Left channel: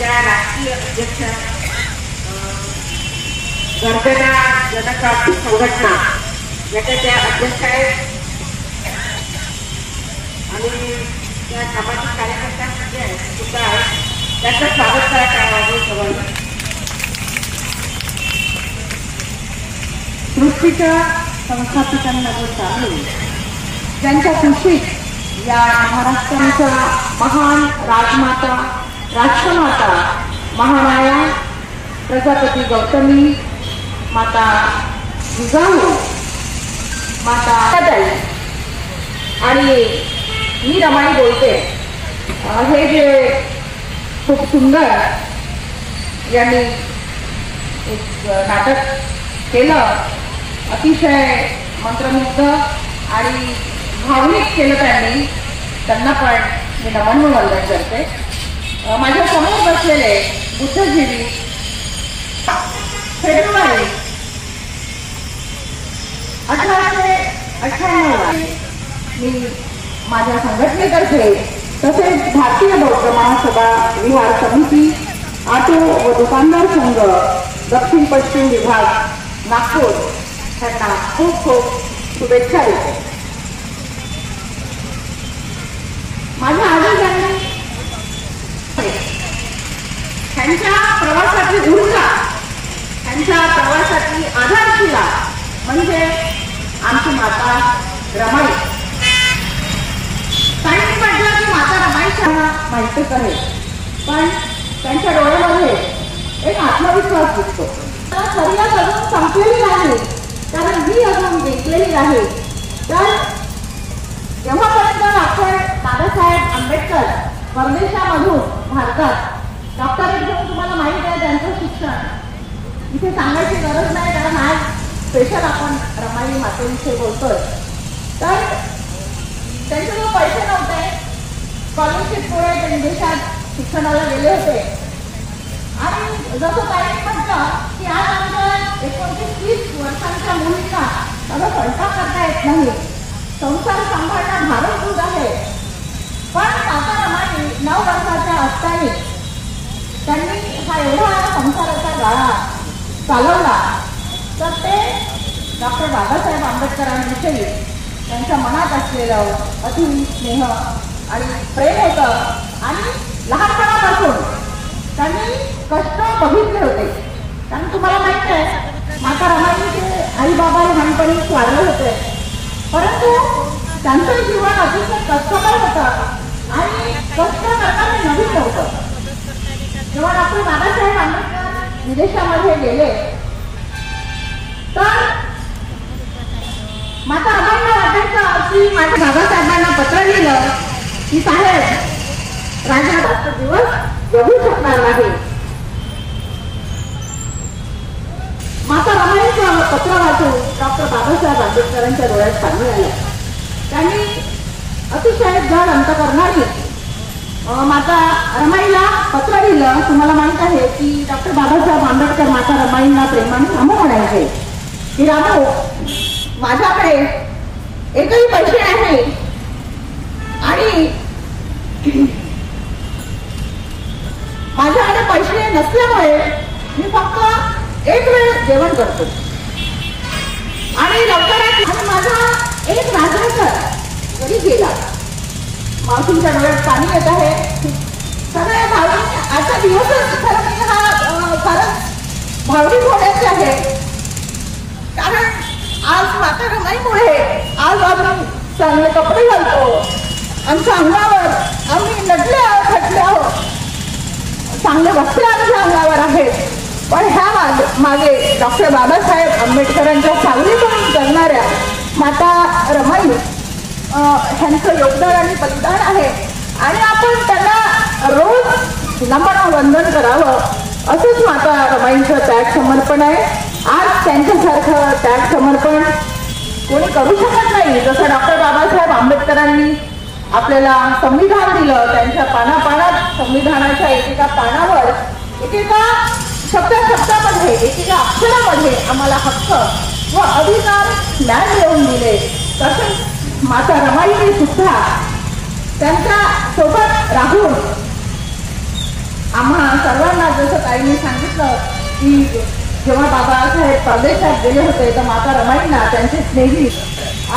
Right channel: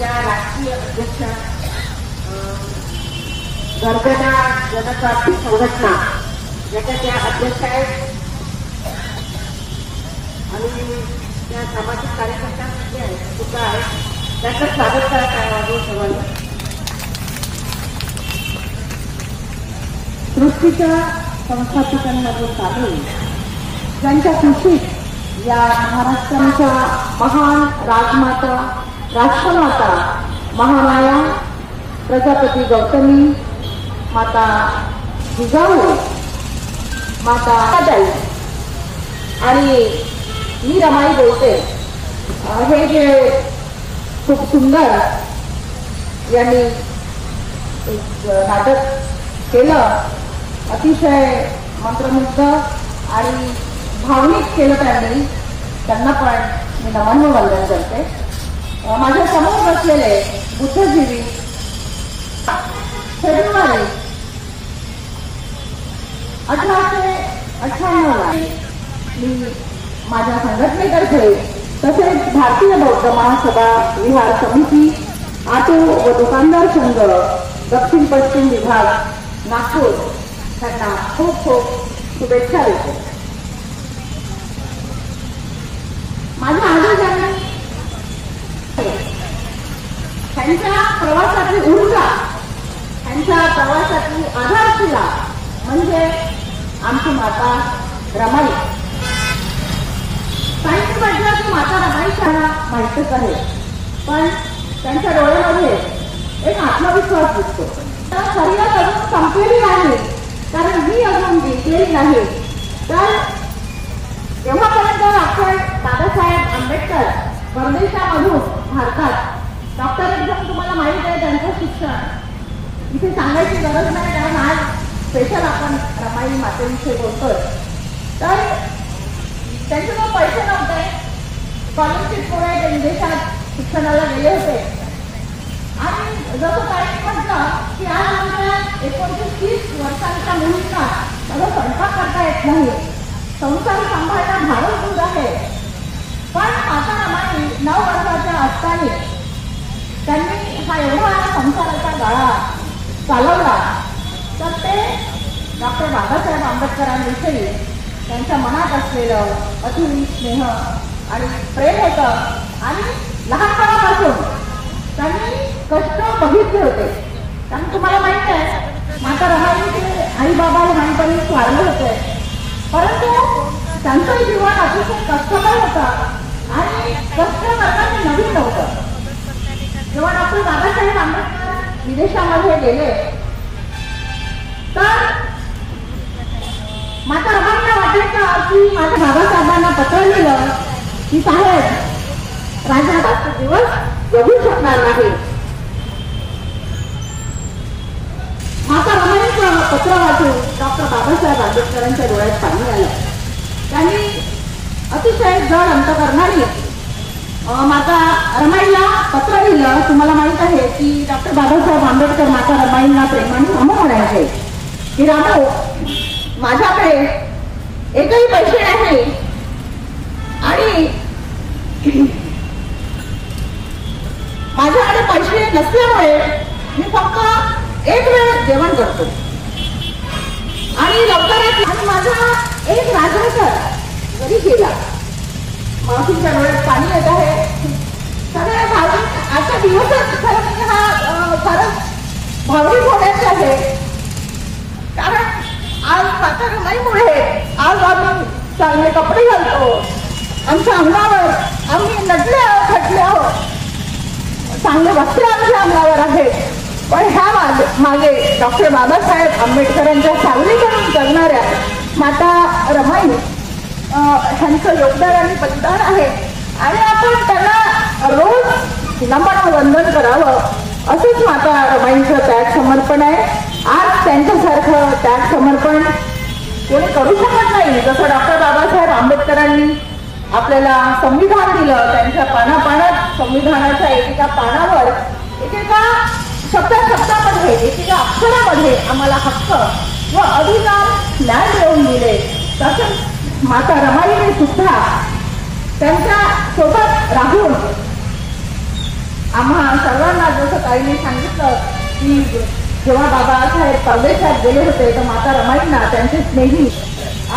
ज्या राष्ट्रीय अध्यक्ष गर्जना जनक्रांती संघटना याच्या त्या अध्यक्ष आहेत आणि त्या सामाजिक कार्यकर्त्यांमध्ये सुद्धा आहेत. त्याचं स्वागत करायचं आहे सगळ्यांना. सृष्टीच्या संस्थापकांमध्ये सामील ज्यांच्या कुशीत या महाराष्ट्राच्या महान राजमाता राष्ट्रमाता महामाया प्रजापती गौतमी माता जिजाऊ माता ताई आणि मी रमाई बोलते. हे जे खूप सुंदर यांनी एक नाटक केलं, अतिशय मंत्रमुग्ध आणि भावनिक केलं त्यांना पण मी नमन वंदन करते. माझ्या समोर बसलेले बुद्धजीवी फेब्रुवारी 1898 मी माझ्या संघटनेतर्फे तसेच भारतीय बौद्ध महासभा विहार समिती ऑटो व दुकानदार संघ दक्षिण पश्चिम विभाग नागपूर यांना खूप खूप शुभेच्छा देते. माझ्या आजोबांनी त्यांच्या प्रवासाची ऊर्जा, त्यांच्या प्रवासाची आधारशिला म्हणजे आमची माता रमाई. काही म्हटलं की माता रमाईच्या माहितीच आहे, पण त्यांच्या डोळ्यामध्ये एक आत्मविश्वास दिसतो. शरीरात अजून संपलेली नाही, कारण ही अजून जिंकलेली नाही. तर जेव्हापर्यंत डॉक्टर बाबासाहेब आंबेडकर परदेशामधून भारतात डॉक्टरेट घेऊन, तुम्हाला माहित आहे त्यांचं शिक्षण इथे सांगायची गरज नाही, कारण आज स्पेशल आपण रमाई मातेविषयी बोलतोय. तर त्यांच्याजवळ पैसे नव्हते, स्कॉलरशिपमुळे ते विदेशात शिक्षणाला गेले होते. आणि जसं काही म्हटलं की आज आमच्या 29-30 वर्षांच्या मुलींना मला स्वयंपाक करता येत नाही, संसार सांभाळणं भावच दूर आहे. पण माता रमाई 9 वर्षाच्या असताना त्यांनी हा एवढा संसाराचा गाळा चालवला. तर ते डॉक्टर बाबासाहेब आंबेडकरांविषयी त्यांच्या मनात असलेलं अतुल स्नेह आणि प्रेम होतं. आणि लहानपणापासून त्यांनी कष्ट बघितले होते. कारण तुम्हाला माहिती आहे माता रमाईचे आई बाबा लहानपणी वारले होते, परंतु त्यांचं जीवन अतिशय कष्टमय होतं आणि कष्ट करताना नवीन नव्हतं. जेव्हा डॉक्टर बाबासाहेब आंबेडकर विदेशामध्ये गेले तर माता रमाईला वाटायचं की माझ्या बाबासाहेबांना पत्र लिहिलं की साहेब राजा जास्त दिवस जगू शकणार नाही. माता रमाईचं पत्र वाचून डॉक्टर बाबासाहेब आंबेडकरांच्या डोळ्यात पाणी आलं. त्यांनी अतिशय जड अंतकरणाने माता रमाईला पत्र लिहिलं. तुम्हाला माहित आहे की डॉक्टर बाबासाहेब आंबेडकर माता रमाईंना प्रेमाने रामू म्हणायचे की रामू, माझ्याकडे एकही पैसे नाही आणि माझ्याकडे पैसे नसल्यामुळे मी फक्त एक वेळ जेवण करतो आणि लवकरच माझा एक राजा घरी गेला. मावशींच्या डोळ्यात पाणी येत आहे. सगळे भावनिक आजचा दिवसच खरं भावनिक होण्याचे आहे, कारण आज माता रमाईमुळे आज आपण चांगले कपडे घालतो, आमच्या अंगावर आम्ही नटले आहोत, खटले आहोत, चांगले वस्त्र आमच्या अंगावर आहेत. पण ह्या मागे डॉक्टर बाबासाहेब आंबेडकरांच्या सावलीतून जगणाऱ्या माता रमाई ह्यांचं योगदान आणि बलिदान आहे. आणि आपण त्यांना रोज नमन वंदन करावं, असंच माता रमाईंचं त्याग समर्पण आहे. आज त्यांच्यासारखं त्याग समर्पण कोणी करू शकत नाही. जसं डॉक्टर बाबासाहेब आंबेडकरांनी आपल्याला संविधान दिलं, त्यांच्या पानापानात संविधानाच्या एकेका पानावर एकेका शब्दामध्ये एकेका अक्षरामध्ये आम्हाला हक्क व अधिकार न्याय मिळवून दिले. तसेच माता रमाईने सुद्धा त्यांच्या सोबत राहून आम्हा सर्वांना जसं ताईंनी सांगितलं की जेव्हा बाबासाहेब तावडेसाहेब गेले होते तर माता रमाईंना त्यांचे स्नेही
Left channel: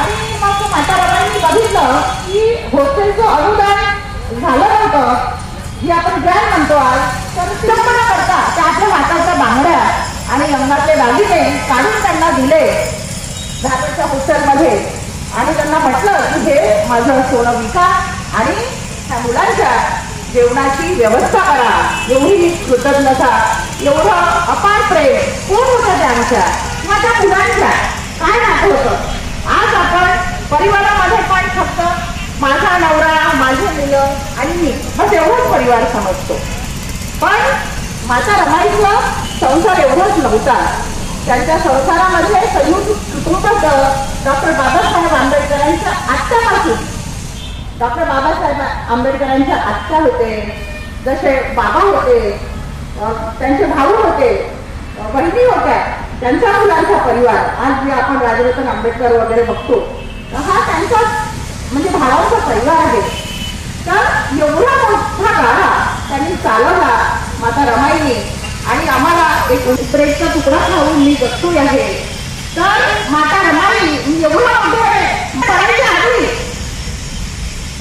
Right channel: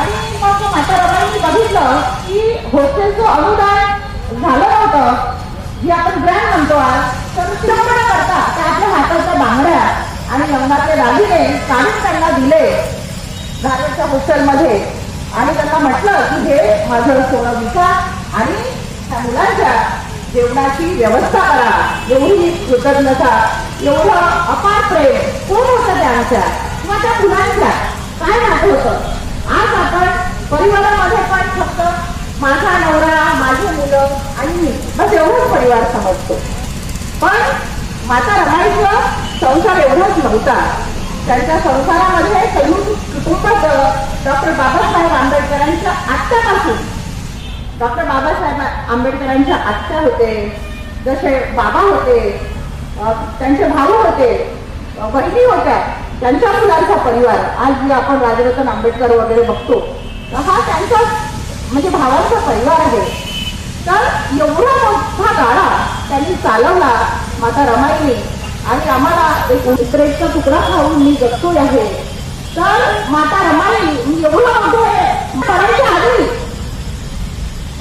आणि मग माता रमाईंनी बघितलं की हॉस्टेलचं अनुदान झालं होतं जे आपण ग्रँड म्हणतो आज तर विडंबना करतात त्या आपल्या हाताच्या बांगड्या आणि रंगातले दागिने काढून त्यांना दिले धाराच्या हॉस्टेलमध्ये आणि त्यांना म्हटलं की हे माझं सोनं विका आणि त्या मुलांच्या जेवणाची व्यवस्था करा. एवढी कृतज्ञता एवढं अपार प्रेम कोण होतं त्यांच्या माझ्या मुलांच्या काय नातं होतं. आज आपण परिवारामध्ये पण फक्त माझा नवरा माझी मुलं आणि मी बस एवढंच परिवार समजतो. पण माता रमाईचा संसार एवढाच नव्हता. त्यांच्या संसारामध्ये संयुक्त कुटुंब डॉक्टर बाबासाहेब आंबेडकरांच्या आत्यापासून डॉक्टर बाबासाहेब आंबेडकरांच्या आत्या होते, जसे बाबा होते, त्यांचे भाऊ होते, बहिणी होत्या, त्यांच्या मुलांचा परिवार आज जे आपण राजरत्न आंबेडकर वगैरे बघतो हा त्यांचा म्हणजे भावांचा परिवार आहे. तर एवढा मोठा गाडा त्यांनी चालवला माता रमाईने आणि आम्हाला एक ब्रेडचा तुकडा खाऊन मी जगतोय आहे. तर माता रमाई एवढं मोठे घराच्या आधी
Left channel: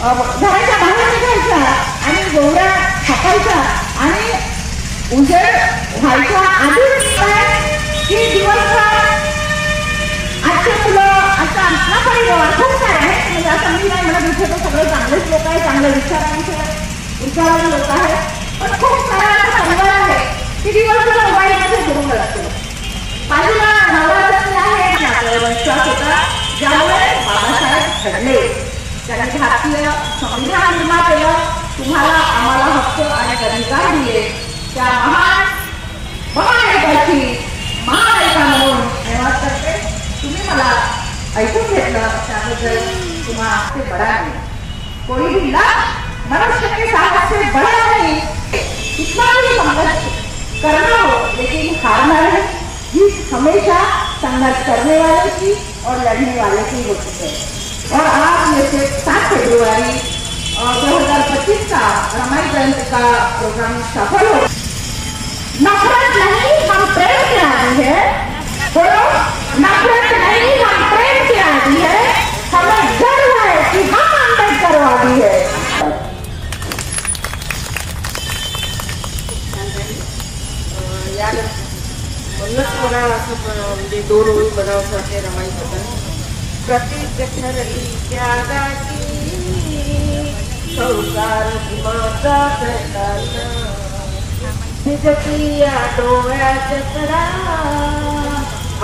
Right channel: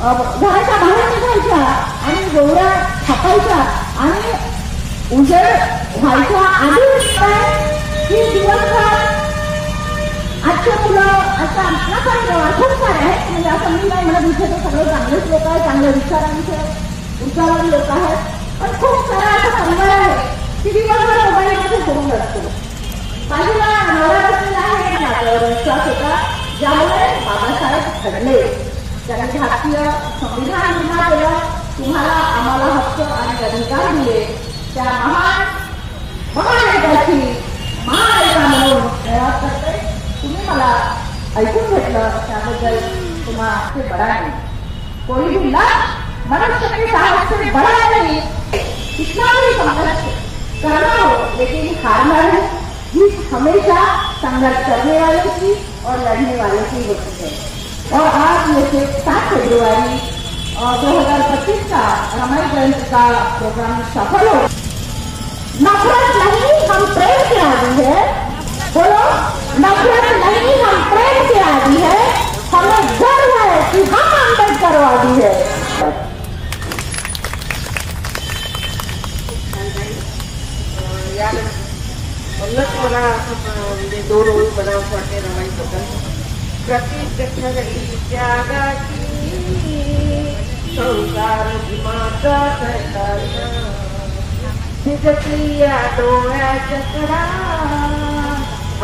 घराच्या बाहेर निघायच्या आणि गोवऱ्या छापायच्या आणि उजेड व्हायच्या आधी की दिवसभर आजचे मुलं आता आपला परिवार खूप सारे आहेत म्हणजे असं मी नाही म्हणत इथे तर सगळे चांगलेच लोक आहेत, चांगल्या विचारांचे लोक आहेत, पण खूप सारा असा परिवार आहे की दिवसभर मोबाईलमध्ये फिरून असतो. बाजूला नवरात्री आहे आपल्याला विश्वास होता ज्यामुळे बाबासाहेब घडले. त्यांनी भारतीय संविधान निर्माण केलं, तुम्हाला आम्हाला हक्क आणि अधिकार दिले. त्या महानायकाची महानायिका म्हणून धन्यवाद करते. तुम्ही मला ऐकून घेतलं त्याबद्दल तुम्हाला ते बडा नहीं. कोई भी लक्ष्य मनुष्य के साहस से बड़ा नहीं. कितना भी संघर्ष करना हो लेकिन हारना नहीं. जीत हमेशा संघर्ष करने वाले की और लड़ने वाले की होती है. और आज ये 7 फरवरी 2025 का रमाई जयंती का प्रोग्राम सफल हो. नफरत नहीं हम प्रेम के आदि है. बोलो नफरत नहीं हम प्रेम के आदि है. हमें गर्व है कि हम अम्बेडकरवादी है. म्हणूनच मला म्हणजे 2 ओळी बनावंसं वाटते रमाईबद्दल. प्रत्येक त्यागाची संसार माझा करताना निजप्रिया डोळ्याच्या कडा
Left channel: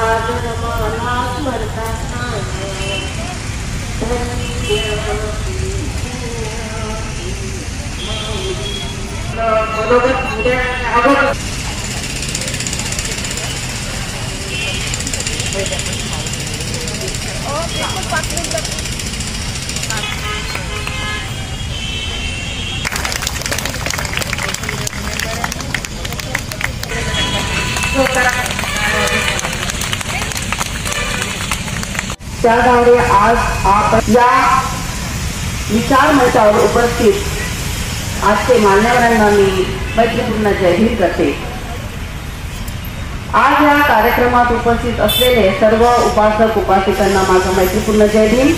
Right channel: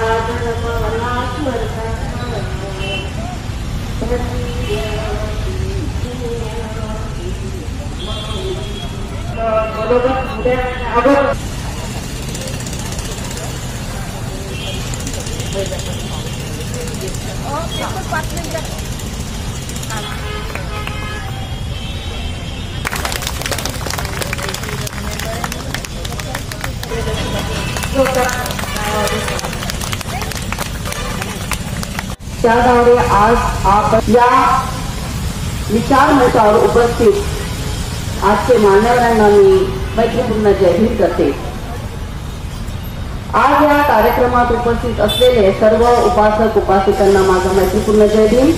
आज रमाला स्मरताना मनोगत उद्या अगोदर त्याद्वारे आज आपण या विचार मंचावर उपस्थित आजचे मान्यवरांना मी मैत्रीपूर्ण जय हिंद करते. आज या कार्यक्रमात उपस्थित असलेले सर्व उपासक उपासिकांना माझा मैत्रीपूर्ण जय हिंद.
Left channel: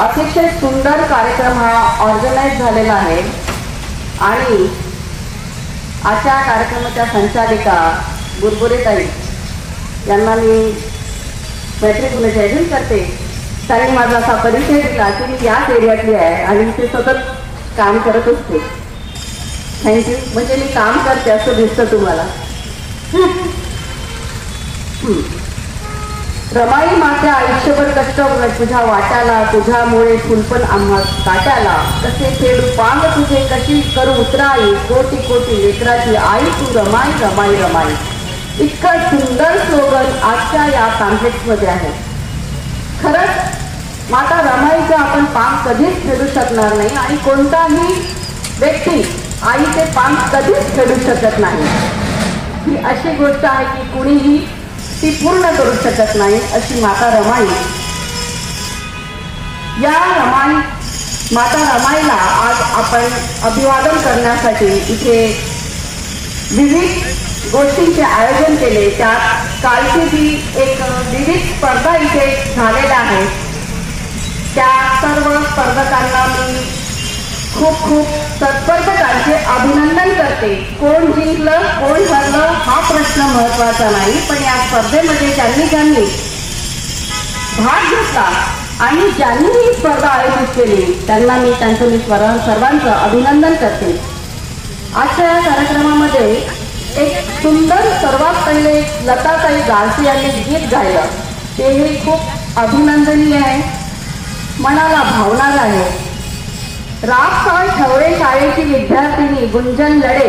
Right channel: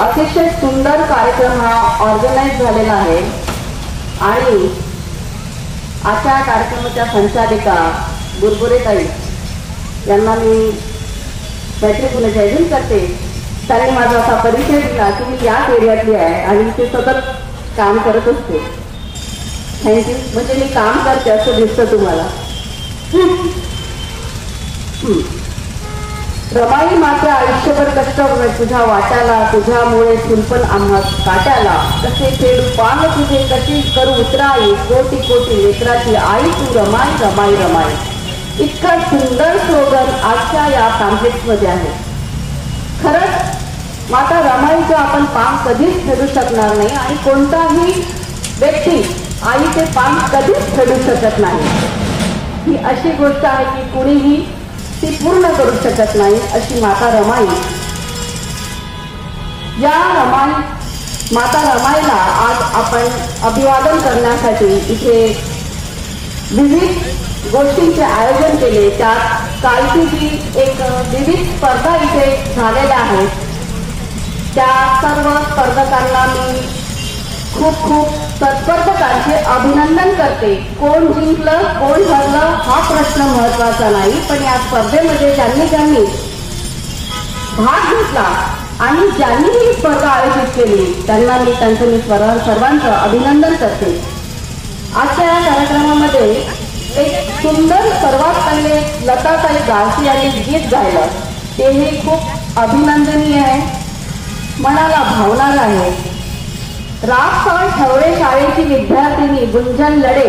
अतिशय सुंदर कार्यक्रम हा ऑर्गनाइज झालेला आहे आणि आजच्या कार्यक्रमाच्या संचालिका बुरबुरेताई यांना मी मैत्रीपूर्ण जय हिंद करते. त्यांनी माझा असा परिचय दिला की मी याच एरियातली आहे आणि ते सतत काम करत असते. थँक्यू. म्हणजे मी काम करते असं दिसतं तुम्हाला. रमाई मात्र आयुष्यभर कष्ट तुझ्या वाट्याला तुझ्यामुळे फुलपण आम्हा काट्याला कसे खेळू पांग तुझे कशी करू उतराई कोटी कोटी लेकराची आई तू रमाई रमाई रमाई. इतकं सुंदर स्लोगन आजच्या या पॅम्पलेट्समध्ये आहे. खरंच माता रमाईचं आपण पान कधीच फेडू शकणार नाही आणि कोणताही व्यक्ती आईचे पान कधीच फेडू शकत नाही. ही अशी गोष्ट आहे की कुणीही ती पूर्ण करू शकत नाही अशी माता रमाई. या रमाई माता रमाईला आज आपण अभिवादन करण्यासाठी इथे विविध गोष्टींचे आयोजन केले. त्यात कालची जी एक विविध स्पर्धा इथे झालेल्या आहेत त्या सर्व स्पर्धकांना मी खूप खूप स्पर्धकांचे अभिनंदन करते. कोण जिंकलं कोण हरलं हा प्रश्न महत्वाचा नाही, पण या स्पर्धेमध्ये ज्यांनी भाग घेतला आणि ज्यांनी ही स्पर्धा आयोजित केली त्यांना मी सर्वांचं अभिनंदन करते. आजच्या या कार्यक्रमामध्ये एक सुंदर सर्वात पहिले लताताई गाळसी यांनी गीत गायलं. तेही खूप अभिनंदनीय आहे, मनाला भावणारं आहे. राजसाहेब ठवरे शाळेची विद्यार्थिनी गुंजन लडे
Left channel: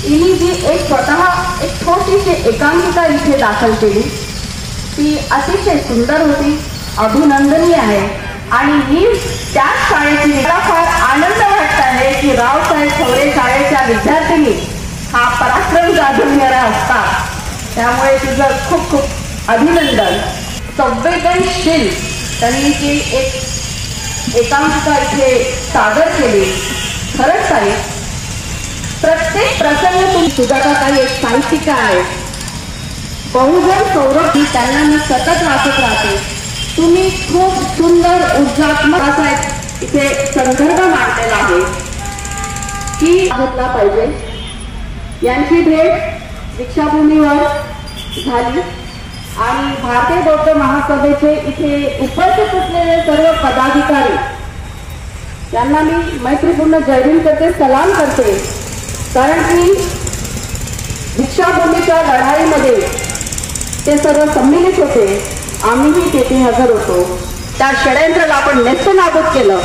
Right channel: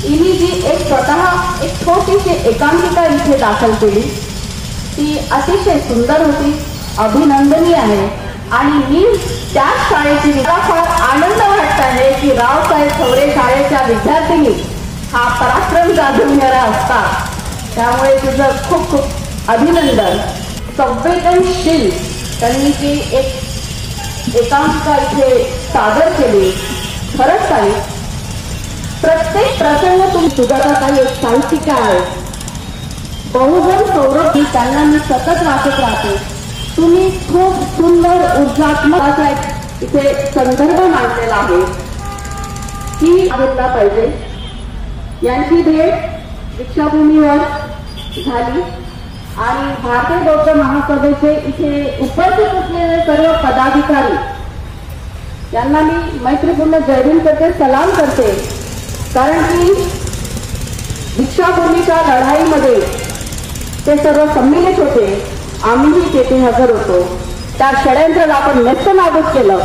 हिने जी एक स्वतः एक छोटीशी एकांकिका इथे दाखल केली ती अतिशय सुंदर होती, अभिनंदनीय आहे. आणि मी त्याच शाळेची मला फार आनंद वाटत आहे की रावसाहेब ठवरे शाळेच्या विद्यार्थिनी हा पराक्रम गाजवणारा असतात. त्यामुळे तुझं खूप खूप अभिनंदन. संवेदनशील त्यांनी जी एक एकांकिका इथे सादर केली. खरंच ताई प्रत्येक प्रसंग तुम्ही सुजाताताई एक साहित्यिका आहे. बहुजन सौरभ ही त्यांना मी सतत वाचत राहते. तुम्ही खूप सुंदर ऊर्जात्मक असा इथे संदर्भ मांडलेला आहे की घेतला पाहिजे. यांची भेट दीक्षाभूमीवर झाली आणि भारतीय बौद्ध महासभेचे इथे उपस्थित असलेले सर्व पदाधिकारी यांना मी मैत्रीपूर्ण जयभीम करते, सलाम करते. कारण की दीक्षाभूमीच्या लढाईमध्ये ते सर्व सम्मिलित होते, आम्हीही तेथे हजर होतो. त्या षडयंत्राला आपण नेस्तनाबूत केलं.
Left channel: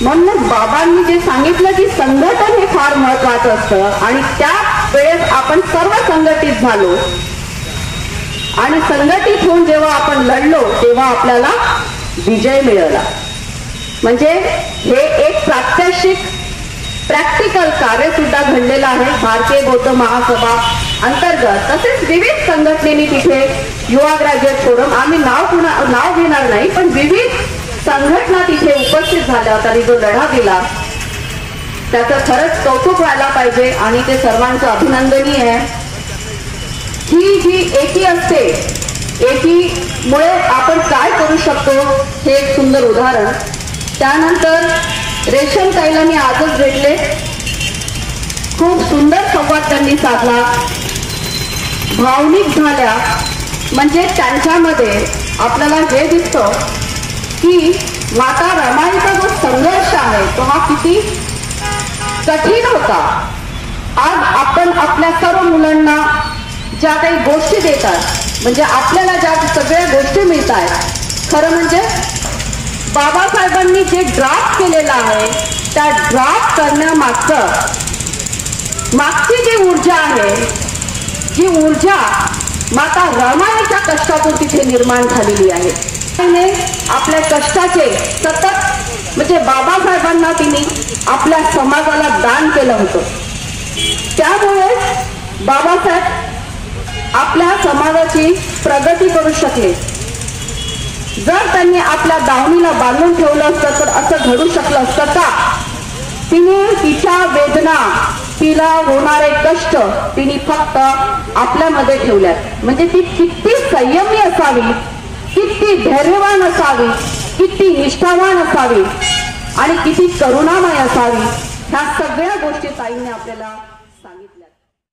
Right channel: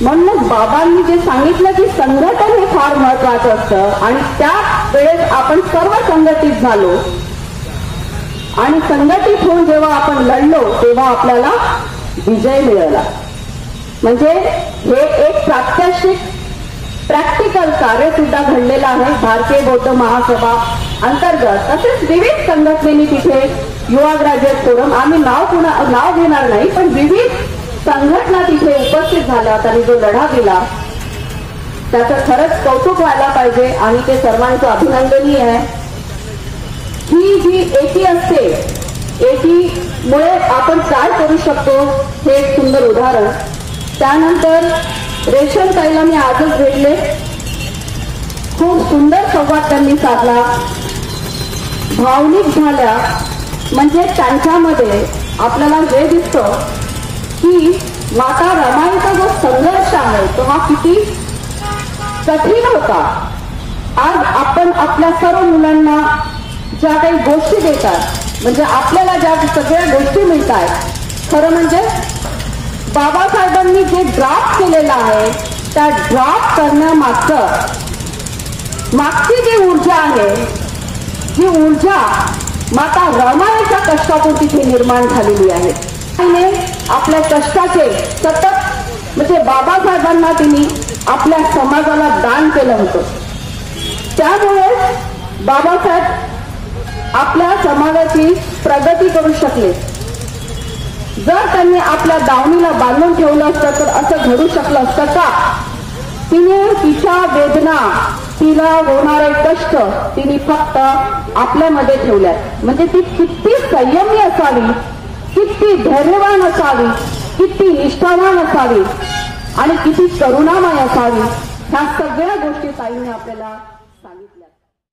म्हणूनच बाबांनी जे सांगितलं की संघटन हे फार महत्वाचं असतं आणि त्या वेळेस आपण सर्व संघटित झालो आणि संघटित होऊन जेव्हा आपण लढलो तेव्हा आपल्याला विजय मिळाला. म्हणजे हे एक प्रात्यक्षिक प्रॅक्टिकल कार्य सुद्धा घडलेलं आहे भारतीय बौद्ध महासभा अंतर्गत. तसेच विविध संघटनेनी तिथे युवा ग्रॅज्युएट फोरम, आम्ही नाव घेणार नाही, पण विविध संघटना तिथे उपस्थित झाल्या आणि जो लढा दिला त्याचं खरंच कौतुक व्हायला पाहिजे आणि ते सर्वांचं अभिनंदनीय आहे. ही जी एकी असते, एकीमुळे आपण काय करू शकतो हे एक सुंदर उदाहरण. त्यानंतर रेशमताईला मी आजच भेटले, खूप सुंदर संवाद त्यांनी साधला, भावनिक झाल्या. म्हणजे त्यांच्यामध्ये आपल्याला हे दिसतं की माता रमाईचा जो संघर्ष आहे तो हा किती कठीण होता. आज आपण आपल्या सर्व मुलांना ज्या काही गोष्टी देतात, म्हणजे आपल्याला ज्या सगळ्या गोष्टी मिळत आहेत, खरं म्हणजे बाबासाहेबांनी जे ड्राफ्ट केलेलं आहे त्या ड्राफ्ट मागची जी ऊर्जा आहे, जी ऊर्जा माता रमाईच्या कष्टातून तिथे निर्माण झालेली आहे. आपल्या कष्टाचे सतत म्हणजे बाबासाहेबांना तिने आपल्या समाजाला दान केलं होतं. त्यामुळे बाबासाहेब आपल्या समाजाची प्रगती करू शकले. जर त्यांनी आपल्या दावणीला बांधून ठेवलं असतं तर असं घडू शकलं असतं का? तिने तिच्या वेदना, तिला होणारे कष्ट तिने फक्त आपल्यामध्ये ठेवल्या. म्हणजे ती किती संयमी असावी, किती धैर्यवान असावी, किती निष्ठावान असावी आणि किती करुणामय असावी, ह्या सगळ्या गोष्टी ताईंनी आपल्याला सांगितल्या.